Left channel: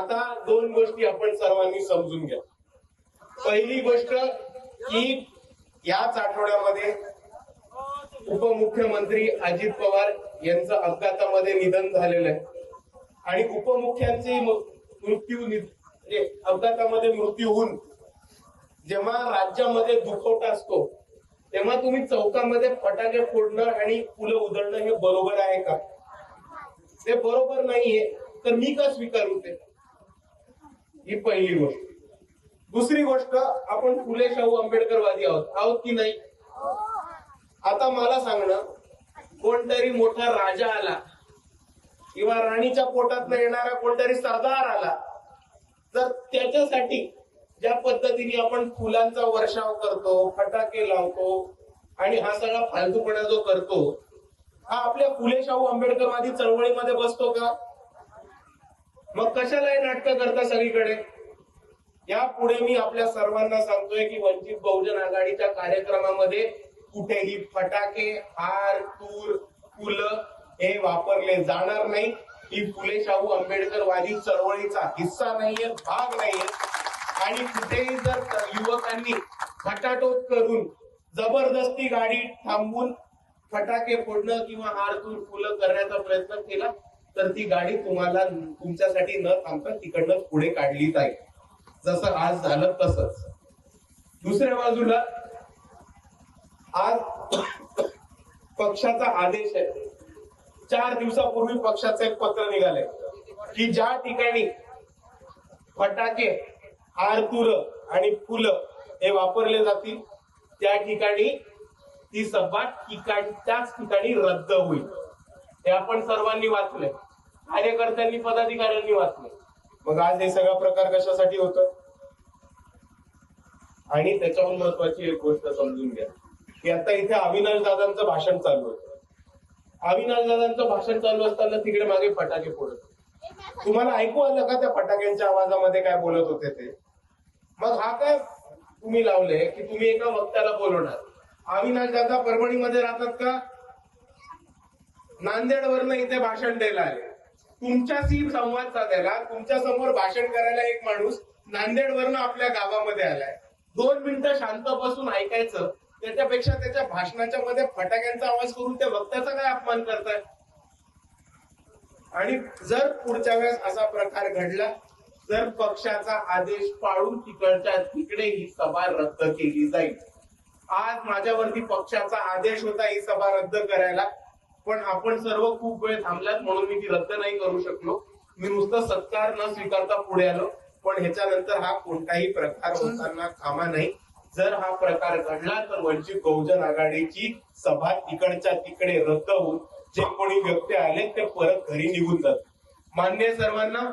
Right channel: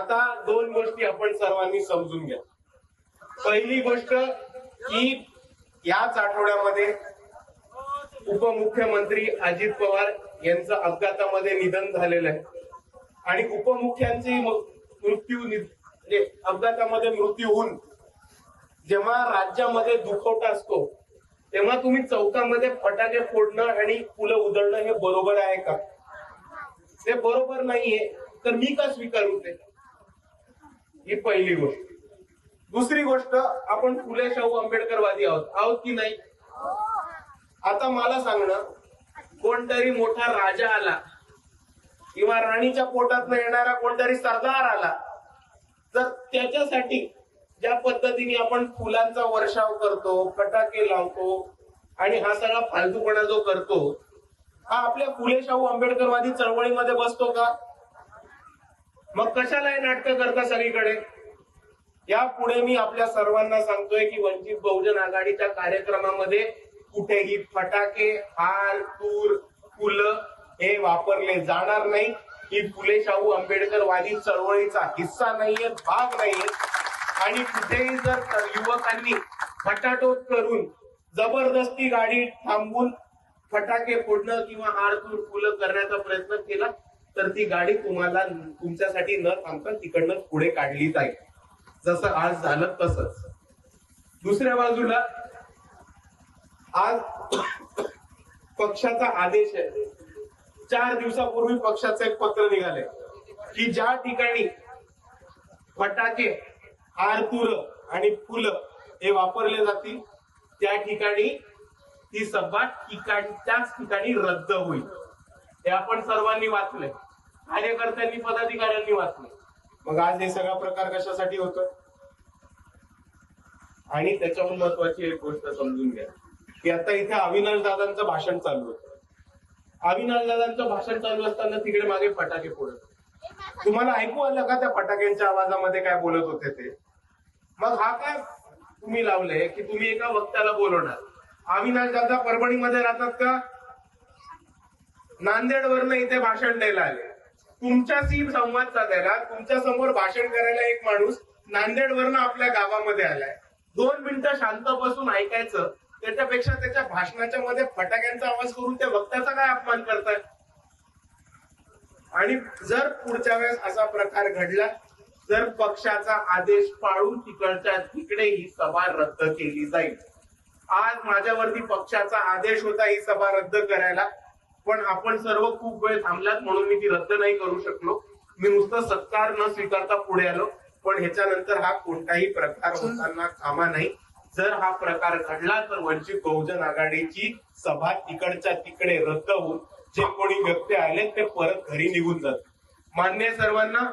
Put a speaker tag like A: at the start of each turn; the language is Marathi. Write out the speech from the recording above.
A: आता दोन गोष्टी आपण सर्वांनी समजून घ्या. पहिली गोष्ट की याच आठवड्यामध्ये उपमुख्यमंत्री अजित पवार यांचं अपघातामध्ये निधन झालेलं आहे. आणि उपमुख्यांची मृत्यू म्हणजे अपघातामध्ये मृत्यू होऊन जेव्हा राज्यामध्ये दुखवटा असतो तेव्हा तुम्ही चौकामध्ये फटाके फोडणं आणि फुलं उधळणं हे बरोबर आहे का? ते बरोबर नाहीये तर मी का स्वीकारू ते? ही पहिली गोष्ट. दुसरी गोष्ट आपण फुले शाहू आंबेडकरवादी आहोत. आहोत की नाही? आता मला सांगणं कोणतरी मोठा राजा आला किंवा राणीच्या पोटात येणारा कोणतरी सरदार आला तर त्याच्यासाठी ज्या पद्धतीने आपण फुलांचा वर्षाव करतो फटाके लावतो आणि हा सगळा फालतूपणा जो करतो हा आपल्या फुले शाहू आंबेडकरवादी चळवळीमध्ये बसतो का? मग कशाला हे नाटकं करता सगळीकडे? यापुढे मी आपल्या सर्वांना सांगतोय की वंचित बहुजन आघाडीच्या कार्यक्रमामध्ये कुठेही फटाके हार तूर फुलं हे वापरले जाणार नाही. ही फुले शाहू आंबेडकरवादी चळवळीचा हिस्सा नाहीये भाग नाहीये. आणि कुठेही जर युवकांनी खटाटोप करून जबरदस्ती गाडी थांबून फटाके फोडणं किंवा हार तूर फुलं करण्याचा प्रयत्न केला तर ती गाडी तुम्हाला तुमच्यासाठी न थांबता तिकडनं पुढे काढली जाईल. जसं आज झालं तसंच. दुसऱ्या बाजूला आज पक्षाचा आदेश आहे. चार दिवसापूर्वी पक्षाचं एक पत्र निघालंय की ज्या ठिकाणी फटाके हारतुर आणि फुलं हे वापरले जातील त्या ठिकाणी ती सभा ठिकाणी त्याच ठिकाणी रद्द होईल. हे आपण सर्वांनी वाचले कार्यकर्त्यांनी पदाधिकाऱ्यांनी वाचले मग आज हे सगळा प्रकार कशासाठी होतो आणि त्याच्याहून महत्वाची एक गोष्ट समजून घ्या की आता इथे अविनाश दादांचं भाषण चालू होतं. अविनाश दादांचं भाषण चालू असताना तिकडे मागे फटाके फोडत तुम्हाला ऐकू आलं का त्या फटाक्यांच्या आवाजामध्ये काय बोलत होते ते? मग हा काय तुम्ही लावले की तुम्ही एका वक्त्याला बोलवणार? अविनाश दादा परभणीमध्ये राहतात का? नांदेडवरनं इथे भाषण द्यायला आले. तुमच्याशी संवाद साधायला तुमच्यासमोर भाषण करायला एक माणूस नांदेडवरनं आपल्या गावामध्ये आलाय. दोन मिनिटं शांत बसून ऐकायचं त्याच्यापेक्षा त्याच्या भाषणाच्या मध्ये फटाक्यांचा आवाज करून त्या वक्त्याचा काय अपमान करताय आणि जर पुढच्या वेळेस असा प्रकार घडला तर पक्षाचा आदेश पाळून तिकडच्या तिकडे ही सभा रद्द केली जाईल. आज माझ्यावरती पक्षाचा आदेश होता ही सभा रद्द करायला. पण आपण सर्व खूप वेळ थांबलात म्हणून मी ती रद्द नाही करू शकलो. मी नुसतं सत्कार न स्वीकारता पुढे आलो पण ह्याच्यानंतर हा कोणताही प्रकार होताना कामा नाही जर हा प्रकार घडला तर वंचित बहुजन आघाडीची सभा तिकडच्या तिकडे रद्द होऊन जे कोणी व्यक्ती आले ते परत घरी निघून जातात मान्य सर्वांना?